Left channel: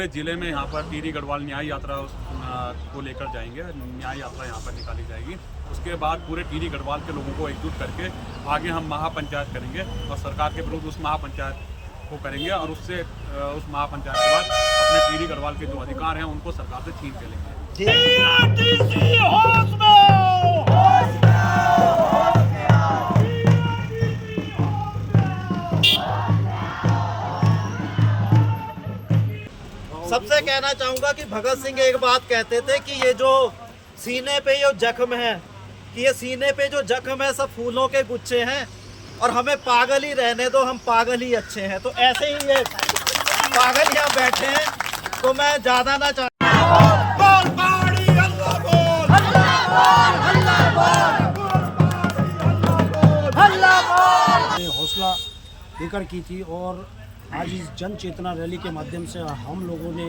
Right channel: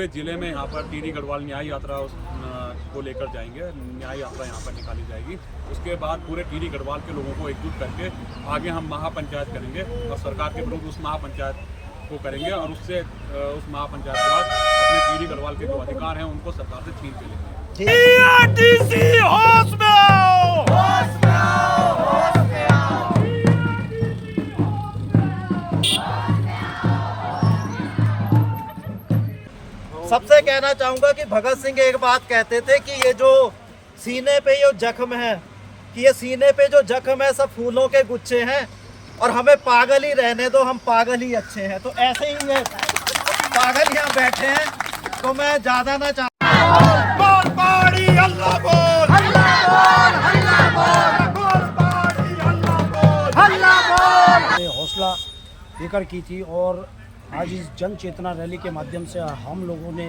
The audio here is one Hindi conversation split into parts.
पूरे ज़िले में यहाँ पर टिहरी गढ़वाल न्याय यात्रा को लेकर जाएंगे। न्याय यात्रा यहाँ पर निकाली जाएगी। उसके बाद पूरे टिहरी गढ़वाल के लोगों को एकजुट करके आगे हम महापंचायत करेंगे और सरकार के विरुद्ध उस महापंचायत को करेंगे और उससे उस महापंचायत के बाद अपने टिहरी गढ़वाल के जो अधिकार हैं उनको सरकार से छीन के लेंगे। सबसे कहना चाहूंगा कि भगत सिंह एक बात कहते थे कि ये जो सीने पे ये जख्म है, कि ये सीने पे जो जख्म है सब फूलों के गुच्छे हैं और हमें पागल ही रहने दो, हम पागल ही अच्छे हैं। तो ऐसे ही ये पागल यहाँ बैठे हैं। तो मैं ज्यादा ना हौसला लेकर की थी और आज इस जन चेतना रैली के माध्यम से हम लोगों ने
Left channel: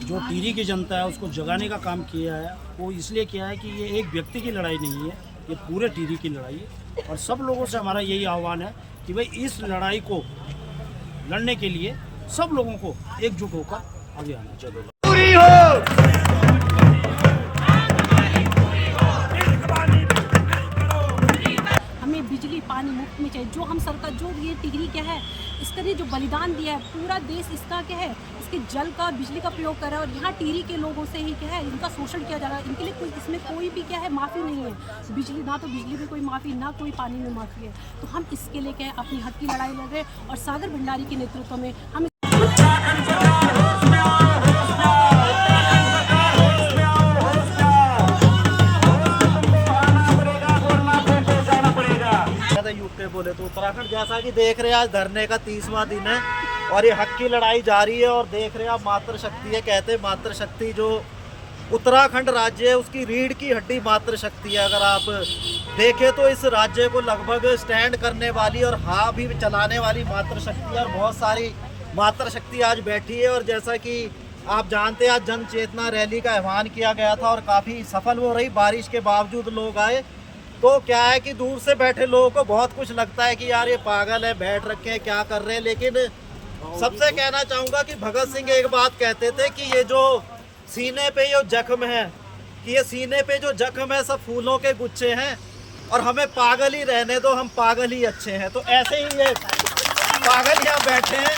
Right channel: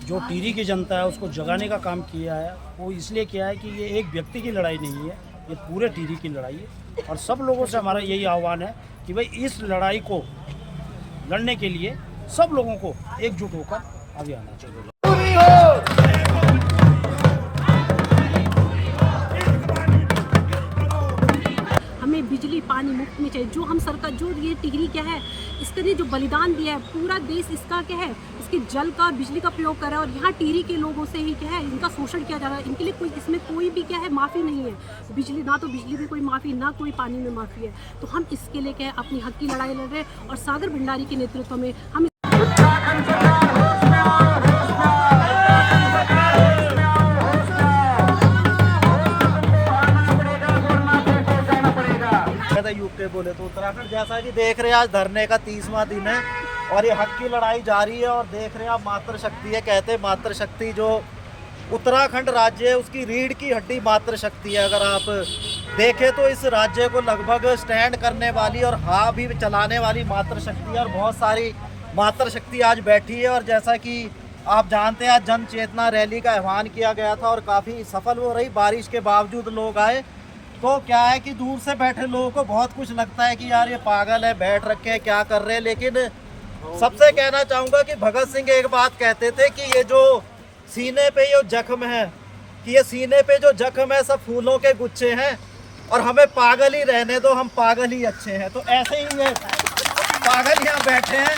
जो टिहरी की जनता है उसको जगाने का काम किया है। वो इसलिए किया है कि ये एक व्यक्ति की लड़ाई नहीं है, ये पूरे टिहरी की लड़ाई है और सब लोगों से हमारा यही आह्वान है कि भाई इस लड़ाई को लड़ने के लिए सब लोगों को एकजुट होकर आगे आना चाहिए। हमें बिजली पानी मुफ्त में चाहिए। जो हम सरकार जो ये टिहरी क्या है, इसका ने जो बलिदान दिया है, पूरा देश इसका क्या है, इसके जल का बिजली का प्रयोग कर रहा है और यहाँ टिहरी के लोगों से ही क्या है इनका शोषण किया जा रहा है। इनके लिए कोई इसमें कोई भी क्या है माफ़ी नहीं है। बिजली ना तो बिजली में कोई माफ़ी, ना कोई पानी में माफ़ी है। तो हम इसके लिए क्या है अपनी हक की लड़ाई लड़ रहे हैं और सागर भंडारी के नेतृत्व में हम यूके बोले तो उत्तराखंड जैसा कि देख रहे हैं आज धरने का 30वां दिन है और ये हक की लड़ाई जारी है। और देख रहे हैं आप मातृशक्ति है, कहते हैं मातृशक्ति जो उत्तराखंड राज्य है उसकी रीढ़ की हड्डी मातृशक्ति है। अगर आप देखें तो इस राज्य को लगभग स्टैंड करने वाली और हाँ भी चलाने वाली मातृशक्ति है और बहुत सारी मातृशक्ति आज बैठी है। और जैसा कि आप जानते हैं आज जन चेतना रैली का आह्वान किया गया था और काफ़ी सफल हो रही, बारिश के बावजूद लोग आए। तो क्या है कि दूर से बैठे लोगों को बहुत कुछ लगता है कि यार ये पागल है, बैठ रखे हैं, क्या कर रहे हैं। लेकिन सबसे कहना चाहूँगा कि भगत सिंह एक बात कहते थे कि ये जो सीने पे ये जख्म है, कि ये सीने पे जो जख्म है सब फूलों के गुच्छे हैं और हमें पागल ही रहने दो, हम पागल ही अच्छे हैं। तो ऐसे ही ये पागल यहाँ बैठे हैं।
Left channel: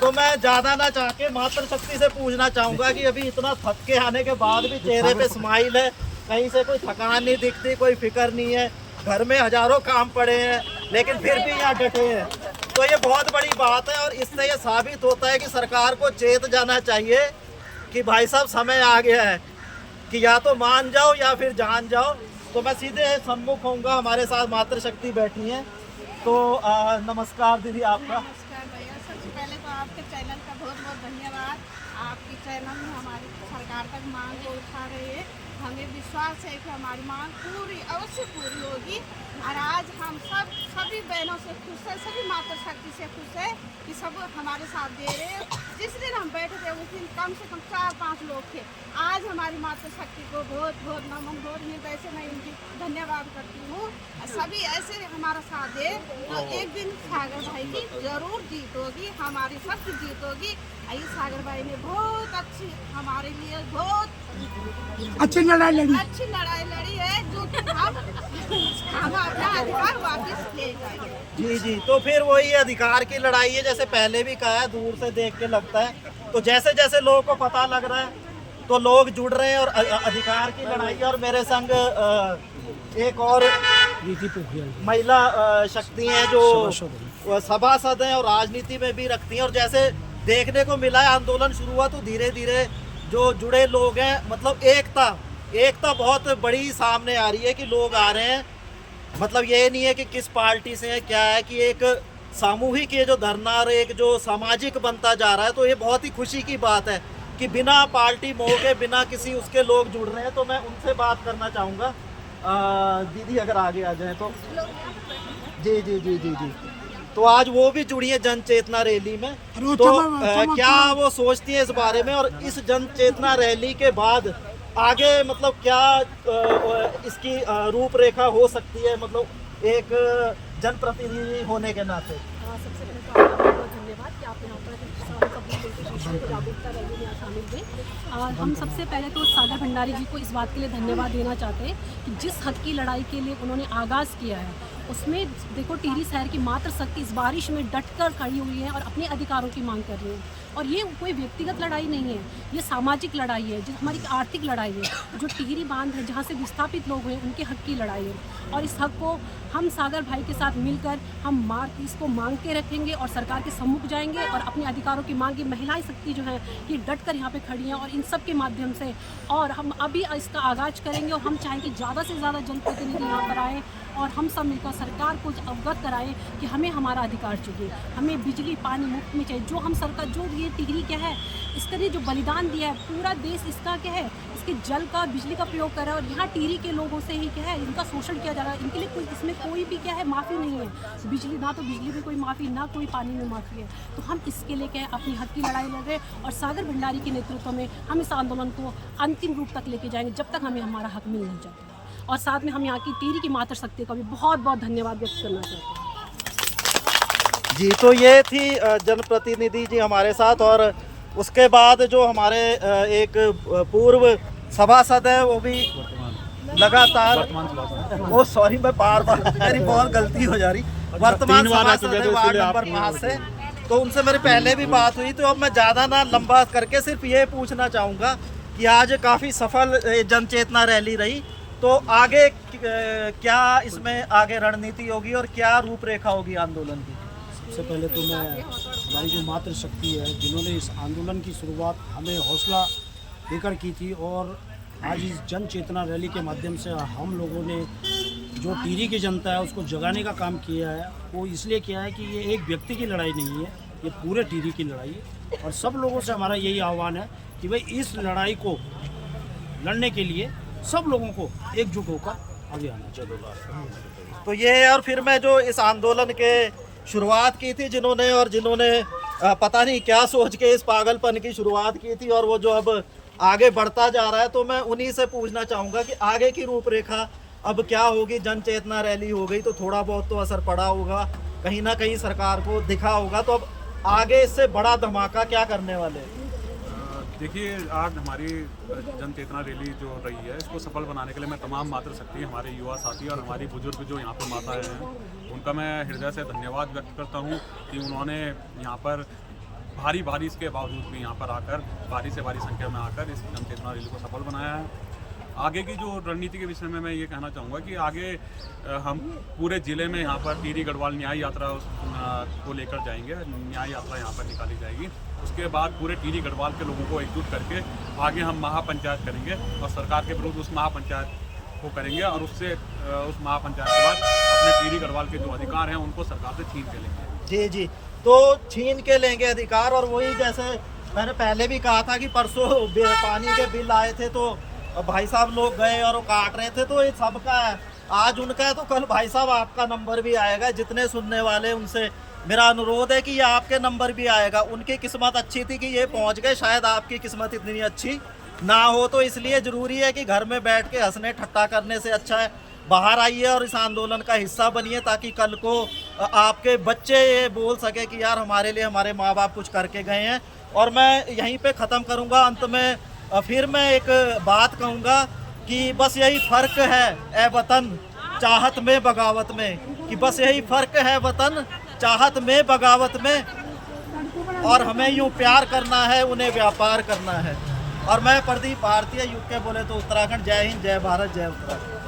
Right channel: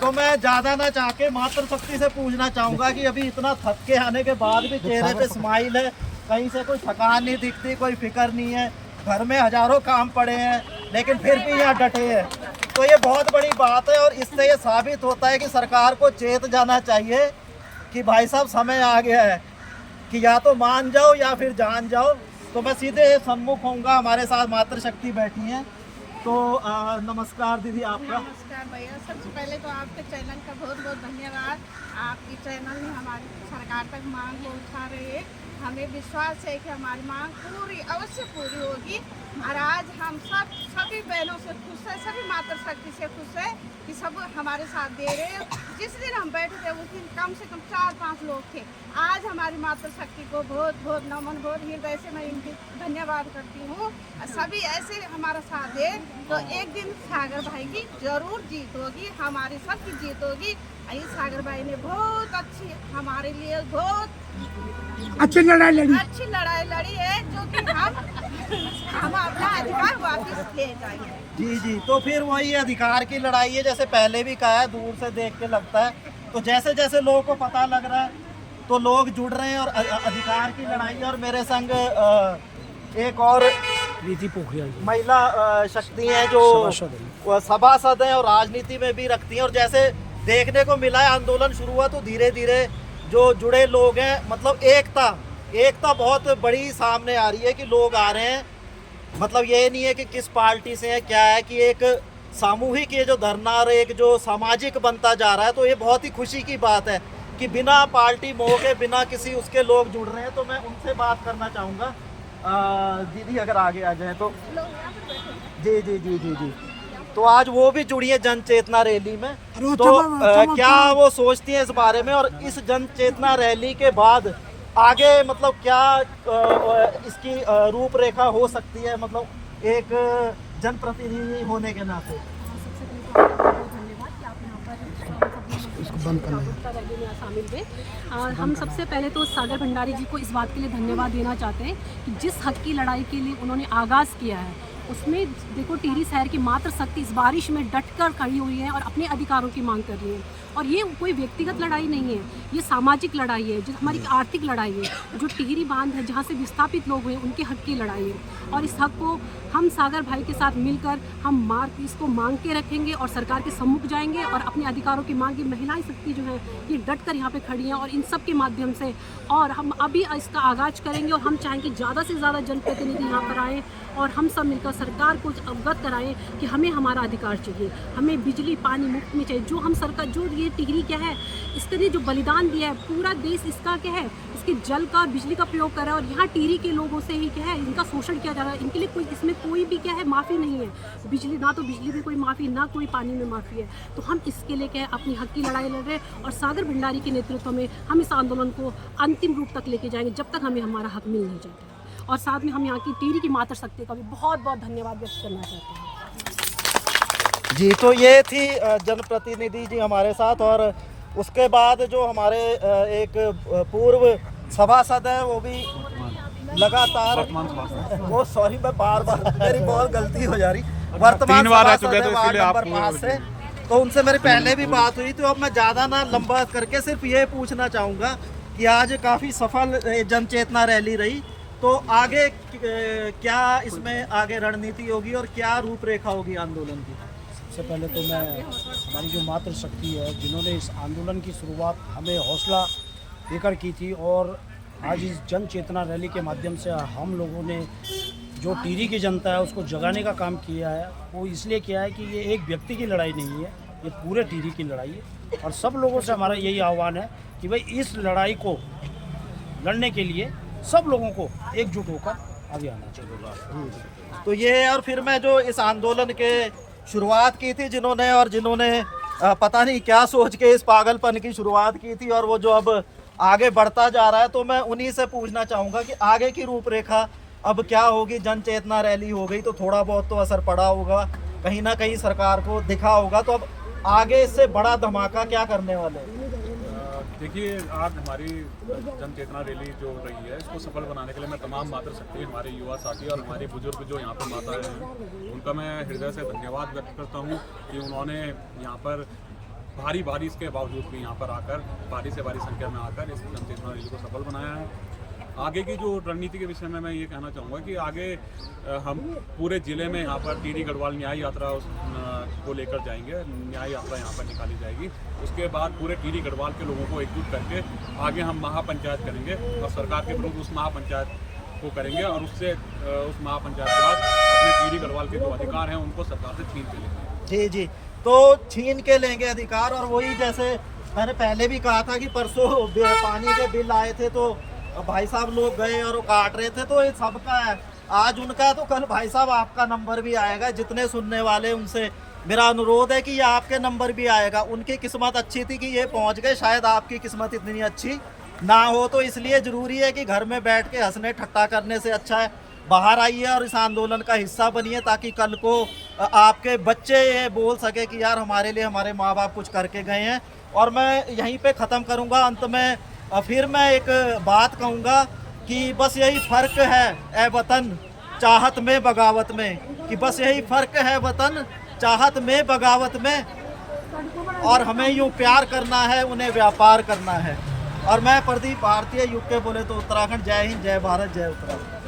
तो मैं ज़्यादा ना चाह के मातृशक्ति से पूछना चाहूँगा कि अभी इतना थक के आने के बाद भी चेहरे पे स्माइल है, कहीं से कोई थकान नहीं दिखती, कोई फिक्र नहीं है, घर में हजारों काम पड़े हैं लेकिन फिर भी यहाँ डटे हैं। तो ये बहुत बड़ी बात है और इससे ये साबित होता है कि सरकार को चेत जाना चाहिए कि भाई साहब समय आ गया है कि या तो मान जाओ या फिर जान जाओ। तो मैं सीधे सम्मुख होऊंगा, हमारे साथ मातृशक्ति बैठी हैं। तो नमस्कार दीदी आपका। नमस्कार भैया, सबसे पहले तो आपके चैनल का बहुत बहुत धन्यवाद। आपकी चैनल में हमारी सरकार तक मांग को उठा रही है। हमें विश्वास है कि हमारी मांग पूरी अवश्य पूरी होगी और आज हम सभी बहनों से खुश है, सभी मातृशक्ति से खुश है कि सब हमारे साथ दे रहे हैं। जिस दिन हम बैठे थे उस दिन कम से कम 4-5 लोग थे। आज हमारी मातृशक्ति को बहुत बहुत नमन, बहुत हृदय से मैं उनकी धन्यवाद करती हूँ। सभी ऐसे हमारा साथ दे तो एक दिन सागर भाई की जरूर जीत होगी, हमारी सबकी जीत होगी। सागर भाई ने बहुत अच्छी हमारे लिए बहुत अच्छी लड़ाई लड़ी है जो कि हम अपना अधिकार वापस ले जाएंगे। जी जी, तो फिर वही अधिकार की लड़ाई है, जैसे पहले भी कहा है, दूर से देख के लगता है। तो जैसे जैसे लोगों को पता लग रहा है तो लोग जुड़ रहे हैं और अधिकार की लड़ाई है। और मेरे संग एक और महिला शक्ति है जो सभासद है और राजनीति में भी रखती हैं। और जैसे देखने को मिला है आंदोलन शुरू हुआ तो धीरे धीरे जो जुड़े लोग हैं, मतलब एकता बहुत बड़ी सामने आ रही है कि लोग आ रहे हैं। मतलब ये नहीं है कि किस पार्टी से है, क्या है कि एक सामूहिक ये जो धरना और एक जो सामाजिक बनता जा रहा है। तो ये बहुत ही खुशी की बात है कि बिना पार्टी मोह के, बिना किसी उसके लोग जुड़ रहे हैं। तो मैं उनसे बात करना चाहूँगा। दीदी अगर आगे आ जाए तो। जी जी जी जी जी। तो आज वो भी जुड़ी है जन चेतना रैली में। तो क्या वो सोचती हैं इस बारे में और इस जन चेतना रैली के बाद आगे मतलब क्या इसकी रूपरेखा हो सकती है, मतलब एक जनप्रतिनिधि होने के नाते? सबसे पहले तो आपका बहुत बहुत धन्यवाद कि आप यहाँ पर सब लोगों की जागरूकता रैली में शामिल हुए। हम सबसे पहले तो सागर भंडारी जी को इस बात के लिए धन्यवाद देना चाहते हैं कि जिस हक की लड़ाई के लिए उन्होंने आगाज़ किया है उसमें देखो टिहरी शहर की मात्र शक्ति इस बारिश में डटकर खड़ी हुई है और अपने अधिकारों की मांग कर रही है। और ये कोई व्यक्तिगत लड़ाई नहीं है, ये सामाजिक लड़ाई है, जो हमारी आर्थिक लड़ाई है, जो टिहरी बांध है जहाँ से विस्थापित लोग हैं उनके हक की लड़ाई है। और इस हक को हम सागर भाई के साथ मिलकर हम इसको मांग के रखेंगे और सरकार के सम्मुख जाएंगे और अपने अधिकारों की मांग की महिलाएं शक्ति जो है ये डट कर यहाँ पे खड़ी हैं और इन सब के माध्यम से और हम अभी इसका आगाज़ करेंगे और हम चाहेंगे ज़्यादा से ज़्यादा जनप्रतिनिधि यहाँ पर आएँ और हम सब मिलकर सरकार को अवगत कराएं कि हमें हमारा अधिकार चाहिए, हमें बिजली पानी मुफ्त में चाहिए। जो हम सरकार जो ये टिहरी क्या है इसके लिए जो बलिदान दिया है पूरा देश इसका क्या है इसके जल का बिजली का प्रयोग कर रहा है और यहाँ टिहरी के लोगों से ही क्या है इनका शोषण किया जा रहा है। इनके लिए कोई इसमें कोई भी क्या है माफ़ी नहीं है, बिजली ना तो बिजली में कोई माफ़ी ना कोई पानी में माफ़ी है। तो हम इसके लिए क्या है अपनी हक की लड़ाई लड़ रहे हैं और सागर भंडारी के नेतृत्व में हम इस आंदोलन को अंतिम रूप तक लेके जाएंगे जब तक हमें हमारा हक मिल नहीं जाता है। और साथ में हम यहाँ की टिहरी की मातृ शक्ति का भी बहुत बहुत धन्यवाद व्यक्त करना चाहते हैं। जी, तो ये थी जनप्रतिनिधि जी हमारे साथ। और उसके बाद जो हमारे एक पूर्व सभासद है वो भी लगातार वर्तमान सभासद वो सॉरी मैं बार मेरी बहुत गलती हो जा रही वर्तमान 3 बार रह सभासद चुके तो है, इसलिए वार्ड आप नंबर 5 से। तो उनसे मेरी पहले भी बात हुई, तो अब मैं ज़्यादा ना लंबा करके सिर्फ ये पूछना चाहूँगा कि आज काफ़ी सफल जन चेतना रैली रही, तो आगे क्या इसमें आगे रणनीति होगी और क्या रूपरेखा होगी आंदोलन की? सबसे पहले तो मैं हमारी जो मातृशक्ति है जिन्होंने इस आंदोलन की शुरुआत हमें हौसला देकर की थी और आज इस जन चेतना रैली के माध्यम से हम लोगों ने जो टिहरी की जनता है उसको जगाने का काम किया है। वो इसलिए किया है कि ये एक व्यक्ति की लड़ाई नहीं है, ये पूरे टिहरी की लड़ाई है। और सब लोगों से हमारा यही आह्वान है कि भाई इस लड़ाई को लड़ने के लिए सब लोगों को एकजुट होकर आगे आना चाहिए। तो ये और फिर मैं जो इस आंदोलन के शुरुआत की थी जिन्होंने पता नहीं क्या सोच के इस पागलपन की शुरुआत की थी और वो जो अब आगे बढ़ता जा रहा है, तो मैं उन्हीं से पूछना चाहूँगा कि आगे की रूपरेखा अब क्या होगी। जन चेतना रैली हो गई तो थोड़ा बहुत तो असर पड़ा होगा, कहीं ना कहीं सरकार को दिखा होगा, तो अब आगे इससे बड़ा धमाका क्या करने वाले हैं? देखिए, आज हमारी जन चेतना रैली जो रही है इसको सफल बनाने के लिए मैं तमाम मातृशक्ति हमारे युवा साथी और हमारी बुजुर्ग जो यहाँ पर माताएं हैं उनका मैं हृदय से धन्यवाद व्यक्त करता हूँ कि उन्होंने यहाँ पर भारी बारिश के बावजूद भी यहाँ पर आकर भारी से भारी संख्या में आकर इस जन चेतना रैली को सफल बनाया है। आगे की जो रणनीति के विषय में मैं ये कहना चाहूँगा कि आगे हम पूरे ज़िले में यहाँ पर टिहरी गढ़वाल न्याय यात्रा को लेकर जाएंगे। न्याय यात्रा यहाँ पर निकाली जाएगी। उसके बाद पूरे टिहरी गढ़वाल के लोगों को एकजुट करके आगे हम महापंचायत करेंगे और सरकार के विरुद्ध उस महापंचायत को करेंगे और उससे उस महापंचायत के बाद अपने टिहरी गढ़वाल के जो अधिकार हैं उनको सरकार से छीन के लेंगे। जी जी, तो छीन के लेंगे अधिकार। और वही जैसे मैंने पहले भी कहा था कि परसों पानी के बिल आए थे तो भाई साहब लोग गए और वो काट रहे थे, तो ये सबका है, आज उनका है तो कल भाई साहब आपका नंबर भी आएगा। जितने सुनने वाले उनसे मेरा अनुरोध है कि ये आपके नंबर भी आएगा। उनकी किस्मत अच्छी थी कि ये पहुंच गए, शायद आपकी किस्मत इतनी अच्छी ना हो। तो इसलिए ज़रूरी है कि घर में बैठ के हंसने ठट्टा करने से अच्छा है बाहर आइए और इस आंदोलन का हिस्सा बनिए, ताकि कल को आपके बच्चे ये बोल सके कि यार हमारे लिए हमारे माँ बाप कुछ करके गए हैं। और मैं यहीं पे ख़त्म करूँगा। अंत में फिर मैं एक बात कहूँगा कि बस यही फ़र्क है ए वतन चाहत में बगावत में, कि बस यही फ़र्क है वतन चाहत में बगावत में, और हमें यूँ प्यार करना है उन्हें व्यापार करना है। और मैं प्रदीप भारतीय UK बोले तो उत्तराखंड। जय हिंद, जय भारत, जय उत्तराखंड।